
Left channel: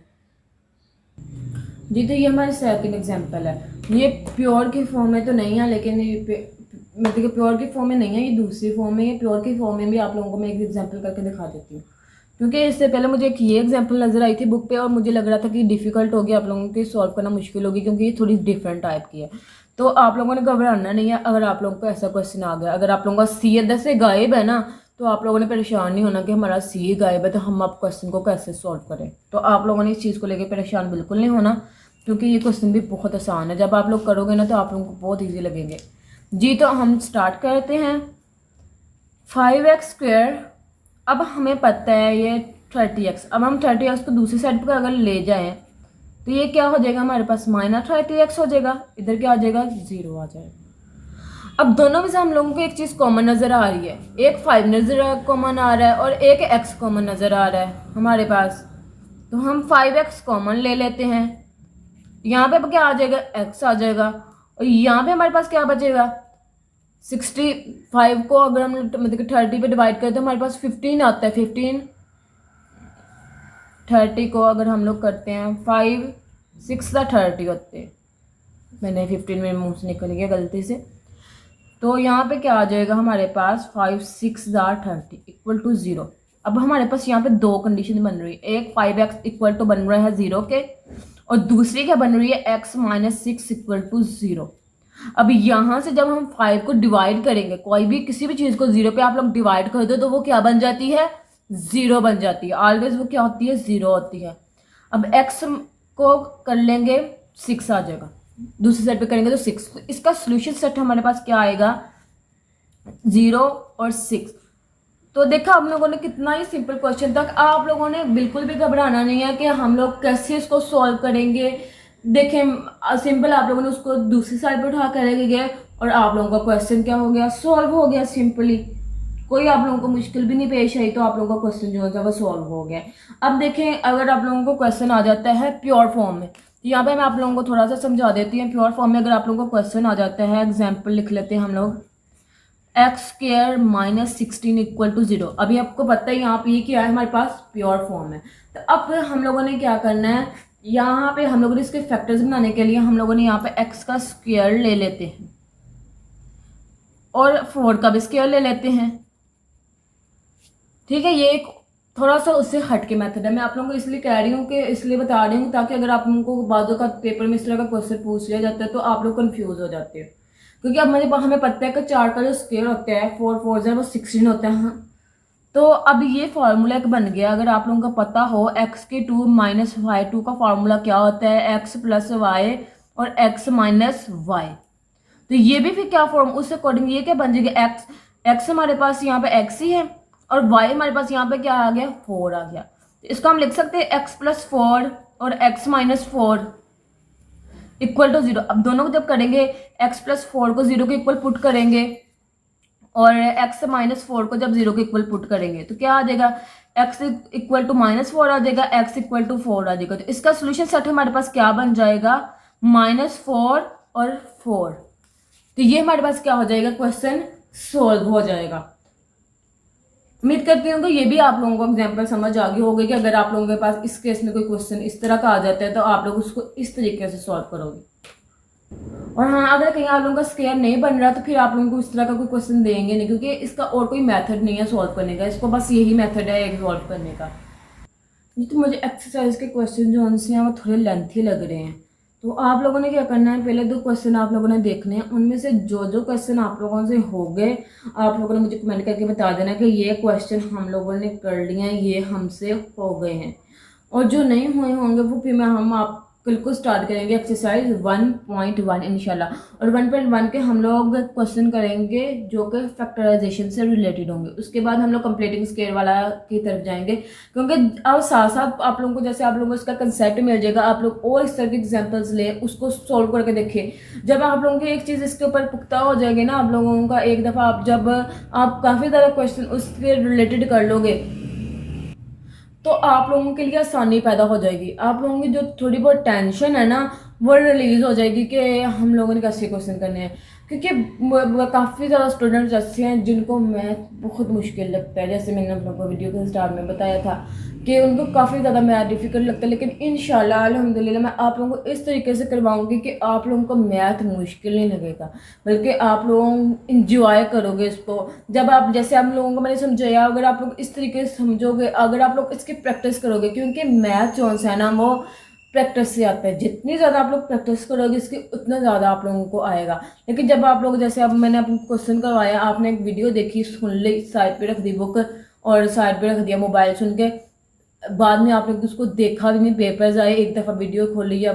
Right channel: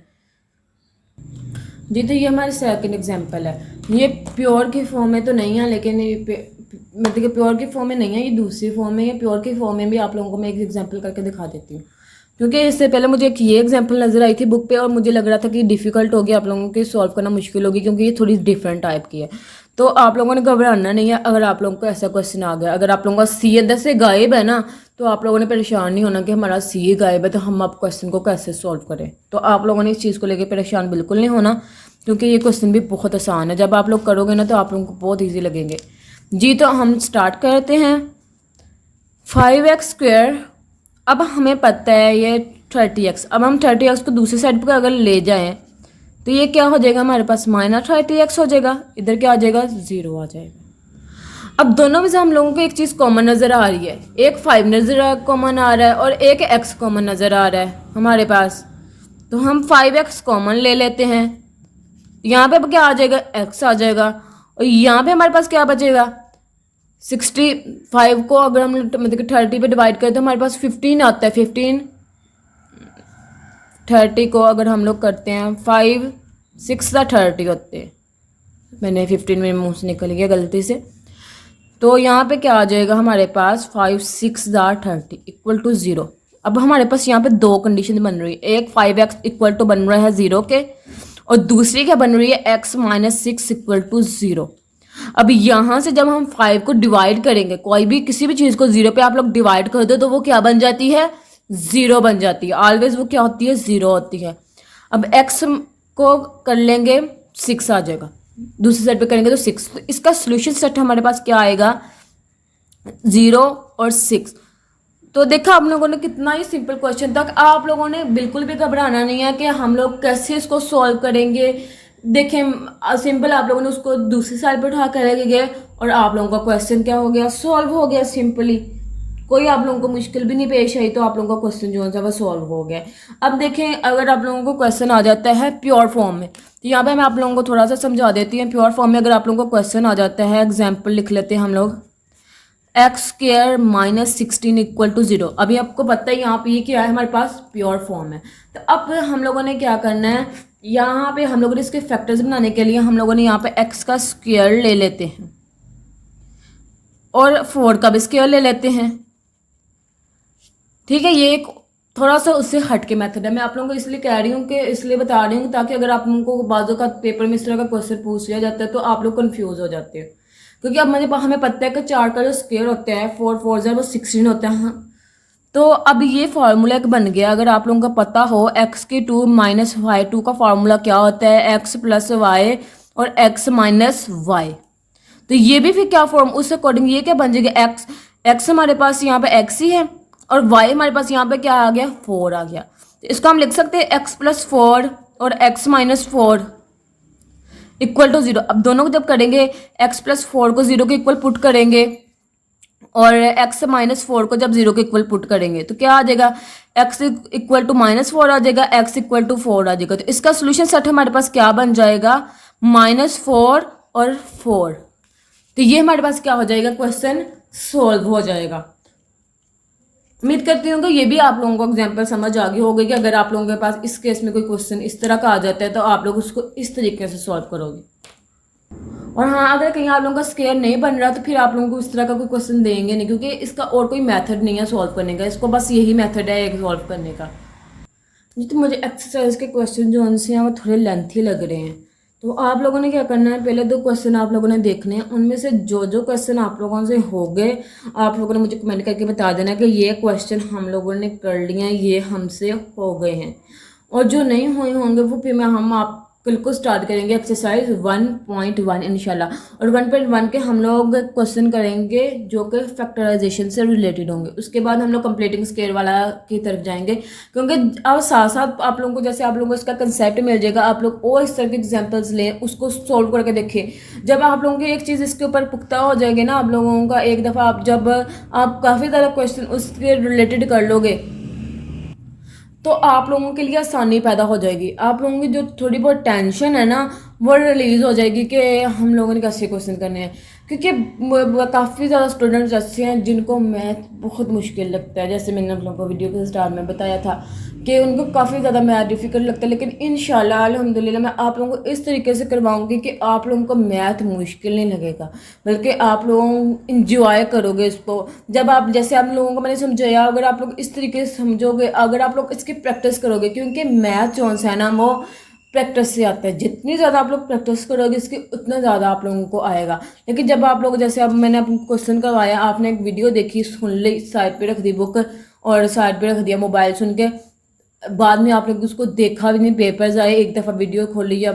जी। तो ये हमारे सेकंड एग्जांपल है, ये प्योर की फॉर्म में तो नहीं है, लेकिन मतलब कि प्योर की फॉर्म में नहीं है, ये दूसरी फॉर्म में। ये प्योर की फॉर्म में भी आप लोगों को मैं एक एग्जांपल करके दिखा देती हूँ, क्योंकि इससे पहले मुझे एक ये एग्जांपल नज़र आई थी बुक पे, और मुझे लग रहा था कि डिफ़िकल्ट होगी, आप लोगों की सॉल्व करना मुश्किल होगी, क्योंकि ये थोड़ी डिफरेंट टाइप की है। तो आप लोगों ने घबराना नहीं है अगर आप लोगों को ऐसा क्वेश्चन आ गया। अगर आप लोगों का सी अंदर से गायब है ना, तो आप लोगों ने परेशान नहीं होना कि हमारा सी गायब है तो हम अब क्वेश्चन को कैसे सॉल्व करें। तो आप लोगों ने इस चीज़ को लेकर परेशान बिल्कुल नहीं होना, क्योंकि ये क्वेश्चन भी बहुत आसान है। जब आप लोग करोगे ना तो आप लोगों को बहुत ईजी लगेंगे जी। तो हम स्टार्ट करते हैं। 5x², अब हमें पता है ये 30x। अब हम 30x को दूसरी साइड पर अगर ले जाएं तो ये क्या हो जाएगा हमारे पास, -30x हो जाएगा। इधर क्या आ जाएगा, 0 आ जाएगा। अब दोनों में से हम लोगों को एक चीज़ कॉमन नज़र आ रही है, एक 5 नज़र कॉमन आ रहा है और एक x कॉमन नज़र आ रहा है हमारे पास। तो हम 5x कॉमन ले लेते हैं, यहाँ पे क्या आ जाएगा, x आ जाएगा, और यहाँ पे हमारे पास क्या बचेगा, 65 को अगर हम मतलब 30 पे डिवाइड करें तो हमारे पास 15 आता है। 15 30 को अगर हम लोग करते हैं 5 6 30 होते हैं, मैंने 15 मेरे मुंह से निकल गया गलती से। तो यहाँ पे क्या आ जाएगा हमारे पास 5 6 30 इक्वल टू 0। अब हमारे पास यहाँ पे दो कंडीशन बन रही है, एक 5x इक्वल टू बन रहा है 0 के, और दूसरी क्या बन रही है, x माइनस 6 इक्वल टू 0। अब यहाँ से जब हम 5 को डिवाइड करेंगे, कोई भी किसी भी चीज़ को 0 पे आप लोग डिवाइड कर दो तो वो क्या बन जाती है, 0 बन जाती है। ऑलवेज वो क्या होती है, 0 होती है। अब x को कर लेंगे 6 आ जाएगा, दूसरी साइड पे करेंगे तो 6। तो इसका सोल्यूशन सेट हमारे पास क्या आएगा, 0 और 6। तो देखा आप लोगों ने, कितना ही सिंपल क्वेश्चन था। आप लोगों ने बिल्कुल भी घबराना नहीं है कि हम लोग कैसे इसको सॉल्व करेंगे। देखें सिंपल, आप लोगों ने उसको दूसरी साइड पे उठा कर गए और आप लोगों का क्वेश्चन क्या हो गया, सॉल्व हो गया सिंपली। कोई आप लोगों को मुश्किल भी नहीं पेश आई, तो आप लोगों का क्वेश्चन जो है वो सॉल्व हो गया। अब देखें, अगर आप लोगों को क्वेश्चन आ जाता है प्योर फॉर्म में, तो यहाँ पे मैं आप लोगों को थोड़ा सा समझा देती हूँ। प्योर फॉर्म में अगर आप लोगों को क्वेश्चन आ जाता है, एग्जाम्पल लिख लेते हैं हम लोग, x square minus 16 equal to 0। अभी आपको पता है यहाँ पे ये क्या है, हमारे पास प्योर फॉर्म है। तो अब हम लोगों ने क्या करना है, यहाँ पे हम लोगों ने इसके फैक्टर्स बनाने के लिए हम लोगों ने यहाँ पे एक्स का स्क्वायर ले लेते हैं और 4 का भी स्क्वायर ले लेते हैं। ठीक है, ये एक थोड़ा सा उससे हट के मेथड है। मैं आप लोगों को इसलिए कह रही हूँ कि इसलिए बता रही हूँ ताकि अगर आप लोगों को बाजू का पेपर में इस तरह का क्वेश्चन पूछ लिया जाता है तो आप लोग कंफ्यूज हो जाते हैं। क्योंकि अब हमें पता है कि 4 का जो स्क्वायर होता है 4 4 जो है वो 16 होता है। हाँ, तो अब ये फार्मूला एक बन गया। अगर आप लोगों को पता हो एक्स के 2 माइनस वाई 2 का फार्मूला क्या होता है, एक्स प्लस वाई और एक्स माइनस वाई। तो ये भी फिर क्या फॉर्म, उस अकॉर्डिंग ये क्या बन जाएगा, एक्स एक्स हमारे पास यहाँ पे एक्स ही है और वाई हमारे पास यहाँ पे क्या आ गया, 4 आ गया। तो इसको हम लिख सकते हैं एक्स प्लस 4 और एक्स माइनस 4 इक्वल टू 0। अब दोनों को जब करेंगे, एक्स प्लस 4 को 0 के इक्वल पुट करेंगे और एक्स माइनस 4 को जब 0 के इक्वल पुट करेंगे तो क्या आ जाएगा, एक्स इक्वल टू माइनस 4 आ जाएगा, एक्स इक्वल टू 4 आ जाएगा। तो इसका सोल्यूशन सेट हमारे पास क्या बन जाएगा, -4 और 4। तो ये हमारे पास क्या हो जाएगा, क्वेश्चन सोल्व हो जाएगा। उम्मीद करती हूँ कि ये भी आप लोगों को एग्जाम्पल समझ आ गई होगी कि अगर आप लोगों के पास इस केस में कोई क्वेश्चन इस तरह का आ जाता है तो आप लोग उसको इस तरीके से सॉल्व करोगे। और हाँ, अगर कहीं आप लोगों का स्क्वायर नहीं बन रहा तो फिर आप लोगों को इस तरह का कोई क्वेश्चन देंगे नहीं, क्योंकि इसका और कोई मेथड नहीं है सॉल्व करने का, इसको बस यही मेथड है एक सॉल्व करने का। तो मुझे एक्सरसाइज के क्वेश्चन जो उनसे हैं वो थोड़े लेंथी लग रहे हैं। तो आप लोगों ने क्या करना है, पहले 2 क्वेश्चन आप लोगों ने देखने हैं, उनमें से जो जो क्वेश्चन आप लोगों से हो गए आप लोगों ने मुझे कमेंट करके बता देना कि ये क्वेश्चन हम लोगों ने कर लिए हैं, ये हमसे हो गए हैं। और जो नहीं हुए होंगे वो फिर हम आप कल को स्टार्ट करेंगे एक्सरसाइज 1.1 इंशाल्लाह। और 1.1 के हम लोग क्वेश्चन करेंगे जो कि फैक्टराइजेशन से रिलेटेड होंगे। उसके बाद हम लोग कंप्लीटिंग स्केल वाला की तरफ जाएंगे, क्योंकि अब साथ साथ आप लोगों को जैसे आप लोगों को इसका कंसेप्ट मिल जाएगा, आप लोग और इस तरह के एग्जाम्पल्स ले उसको सॉल्व करके देखिए। जब आप लोगों की एक चीज़ इसके ऊपर पुख्ता हो जाएगी ना, आप लोगों का एक दफ़ा आप जब आप काफ़ी ज़्यादा क्वेश्चन उसके रिलेटेड कर लोगे तो आप लोगों के लिए आसानी पैदा हो जाएगी। आप लोगों की जो थोड़ी बहुत टेंशन है ना वो रिलीज हो जाएगी कि हम लोगों ने कैसे क्वेश्चन करने हैं। क्योंकि काफ़ी ज़्यादा स्टूडेंट्स ऐसे हैं जिनको मैथ बहुत मुश्किल लगता है, जैसे मैंने आप लोगों को वीडियो के स्टार्ट में बताया था कि उनको काफ़ी ज़्यादा मैथ डिफिकल्ट लगता है। लेकिन इंशाल्लाह अल्हम्दुलिल्लाह मैं आप लोगों को इस तरीके से करवाऊंगी कि आप लोगों को मैथ मुश्किल नहीं लगेगा, बल्कि आप लोग इंजॉय करोगे इसको। जब आप जैसे आप लोगों को मैंने समझाया, अगर आप लोग इस तरीके से समझोगे, अगर आप लोग इसकी प्रैक्टिस करोगे, क्योंकि मैथ जो है ना वो प्रैक्टिस से आता है। जितनी ज़्यादा आप लोग प्रैक्टिस करोगे इसकी उतना ज़्यादा आप लोगों को आएगा। लेकिन जब आप लोग जैसे अब मैंने आपको क्वेश्चन करवाया, आपने एक वीडियो देखी, सुन ली, साइड पे रख दी बुक और साइड पे रख दिया मोबाइल, सुन के बाद में आप लोग उसको देखा भी नहीं, पेपर्स आए, एक दफ़ा वीडियो खोली या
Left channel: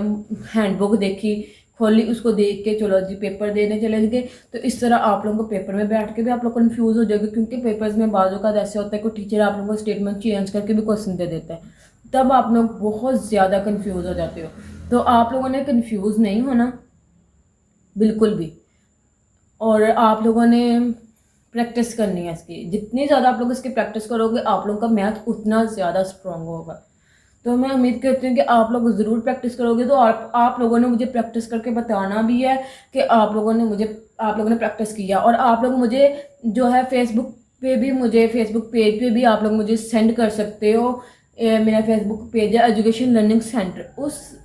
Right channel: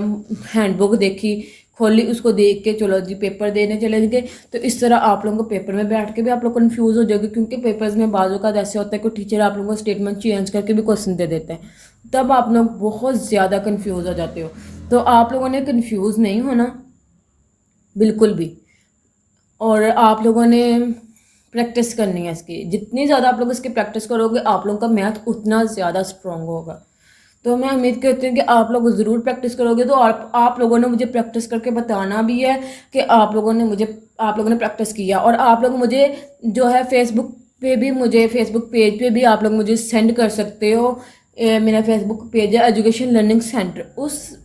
हैंडबुक देखी, खोली, उसको देख के चलो जी पेपर देने चले गए। तो इस तरह आप लोगों को पेपर में बैठ के भी आप लोग कंफ्यूज हो जाओगे, क्योंकि पेपर्स में बाजू का ऐसे होता है कोई टीचर आप लोगों को स्टेटमेंट चेंज करके भी क्वेश्चन दे देता है, तब आप लोग बहुत ज़्यादा कंफ्यूज हो जाते हो। तो आप लोगों ने कंफ्यूज नहीं होना बिल्कुल भी। और आप लोगों ने प्रैक्टिस करनी है इसकी। जितनी ज़्यादा आप लोग इसकी प्रैक्टिस करोगे आप लोगों का मैथ उतना ज़्यादा स्ट्रॉन्ग होगा। तो मैं उम्मीद करती हूँ कि आप लोग ज़रूर प्रैक्टिस करोगे। तो आप लोगों ने मुझे प्रैक्टिस करके बताना भी है कि आप लोगों ने प्रैक्टिस किया। और आप लोग मुझे जो है फेसबुक पेज पे भी आप लोग मुझे सेंड कर सकते हो। मेरा फेसबुक पेज है एजुकेशन लर्निंग सेंटर,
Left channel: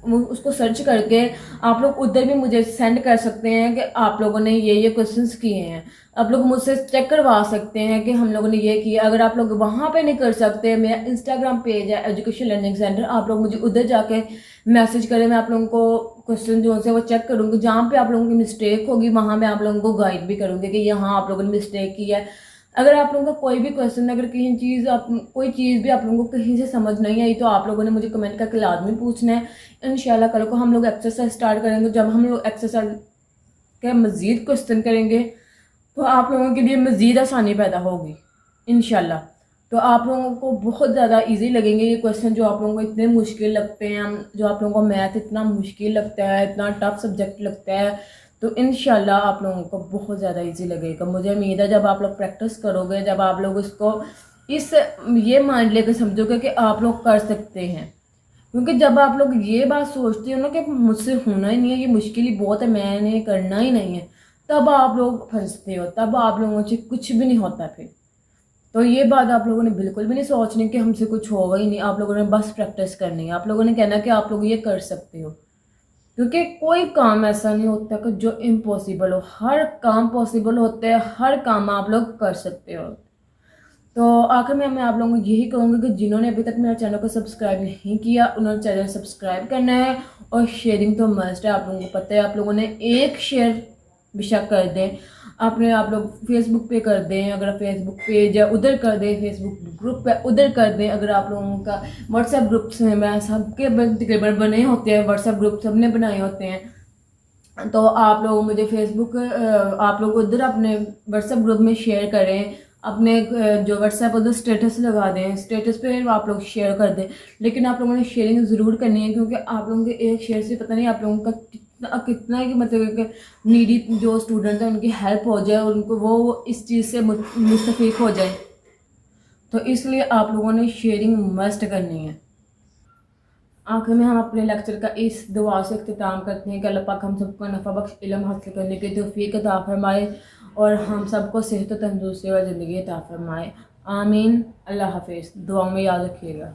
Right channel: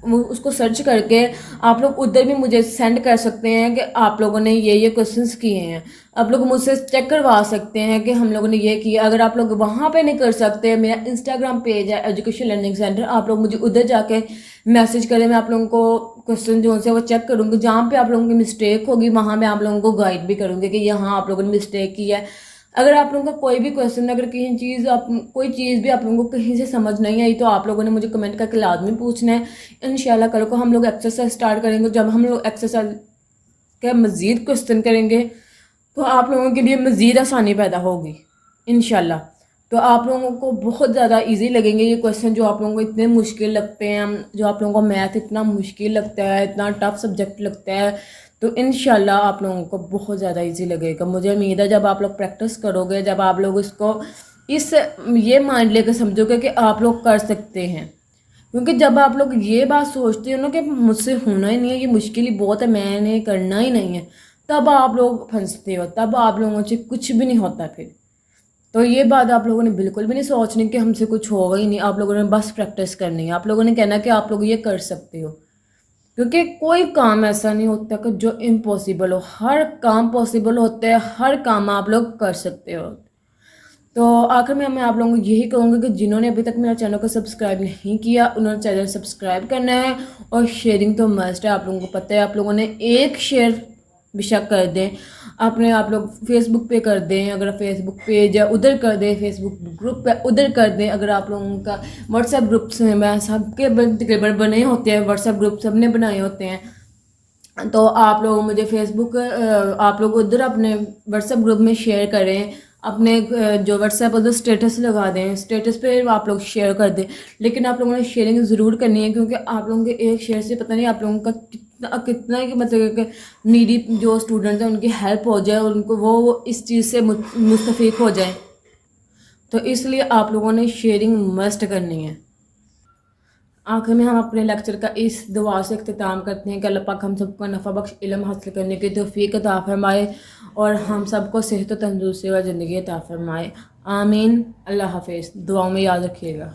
उसको सर्च करके आप लोग उधर भी मुझे सेंड कर सकते हैं कि आप लोगों ने ये क्वेश्चंस किए हैं। आप लोग मुझसे चेक करवा सकते हैं कि हम लोगों ने ये किया। अगर आप लोग वहाँ पे नहीं कर सकते, मेरा इंस्टाग्राम पेज है एजुकेशन लर्निंग सेंटर, आप लोग मुझे उधर जाके मैसेज करें। मैं आप लोगों को क्वेश्चन जो है वो चेक करूँगी। जहाँ पे आप लोगों की मिस्टेक होगी वहाँ मैं आप लोगों को गाइड भी करूँगी कि यहाँ आप लोगों ने मिस्टेक की है। अगर आप लोगों का कोई भी क्वेश्चन, अगर कोई चीज़ भी आप लोगों को कहीं से समझ नहीं आई तो आप लोगों ने मुझे कमेंट करके लाजमी पूछना है। इंशाल्लाह कल को हम लोग एक्सरसाइज स्टार्ट करेंगे। जब हम लोग एक्सरसाइज के मज़ीद क्वेश्चन करेंगे तो आप लोगों के लिए मज़ीद आसानी पैदा होगी इंशाल्लाह। तो आप लोगों को बहुत ज़्यादा इजी लगेंगे ये क्वेश्चन जो आप लोगों को इतने मुश्किल लगते हैं, जो आप लोगों को मैथ इतना मुश्किल लगता है, इतना टफ सब्जेक्ट लगता है। तो इंशाल्लाह आप लोगों को बहुत ज़्यादा इजी लगेगा। मुझे उम्मीद है जब आप लोग प्रैक्टिस करोगे, जब आप लोग इसको ये माइंड लेकर समझोगे कि आप लोग कर सकते हैं। क्योंकि जब आप लोग ये बात सोचते हो ना कि मुझसे होना ही नहीं है, ये मुश्किल ही बहुत है, मैंने करना ही नहीं है, तब आप लोग फंसते हो, तब आप लोगों से कुछ भी नहीं होता फिर। तो ये बात आप लोगों ने बिल्कुल भी नहीं सोचनी कि हमसे कुछ होगा ही नहीं। आप लोगों ने बस प्रैक्टिस करनी है। आप लोगों ने कहना कि आप लोग ये कर सकते हो। क्योंकि कोई काम ऐसा नहीं होता कि जो इम्पॉसिबल हो, हर काम पॉसिबल होता है, हर काम आप लोग कर सकते हो। तो आखिर में मैं आप लोगों को यही कहूँगी कि जिन्होंने अभी तक मेरा चैनल को सब्सक्राइब नहीं किया उन्होंने चैनल सब्सक्राइब करना है। और शेयरिंग तो मस्ट है, आप लोगों को पता है। आप लोगों ने एक शेयर बेशक कर दें, आप लोग फेसबुक पे कर दें, अगर फेसबुक पेज है उधर कर दें, फेसबुक ग्रुप है उधर कर दें। अगर आप लोगों का व्हाट्सएप ग्रुप्स में मैं सबके तकरीबन बने होते हैं, व्हाट्सएप ग्रुप सबने बनाए होते हैं। तो आप लोग मुझे आप लोग उधर अपने व्हाट्सएप ग्रुप में शेयर करें। अपने जो व्हाट्सएप उधर स्टेटस लगा दें, स्टेटस पे आप लोग शेयर कर दें। लेकिन आप लोगों ने शेयरिंग ज़रूर करनी है, क्योंकि आप लोगों के एक शेयर से पता नहीं आप लोगों का कितना कि मतलब नीडी जो स्टूडेंट्स हैं उनकी हेल्प हो जाए, उनको वो इस चीज़ से मुस्तफ़ीक हो जाए। तो इसलिए आप लोगों ने शेयरिंग मस्ट करनी है। आखिर में हम अपने लेक्चर का इस दुआ से इख्तिताम करते हैं कि अल्लाह पाक हम सबको नफ़ा बख्श इल्म हासिल करने की तौफीक अता फरमाए और हम सबको सेहत तंदुरुस्ती और ज़िंदगी अता फरमाए। आमीन। अल्लाह हाफिज़। दुआ में याद रखिएगा।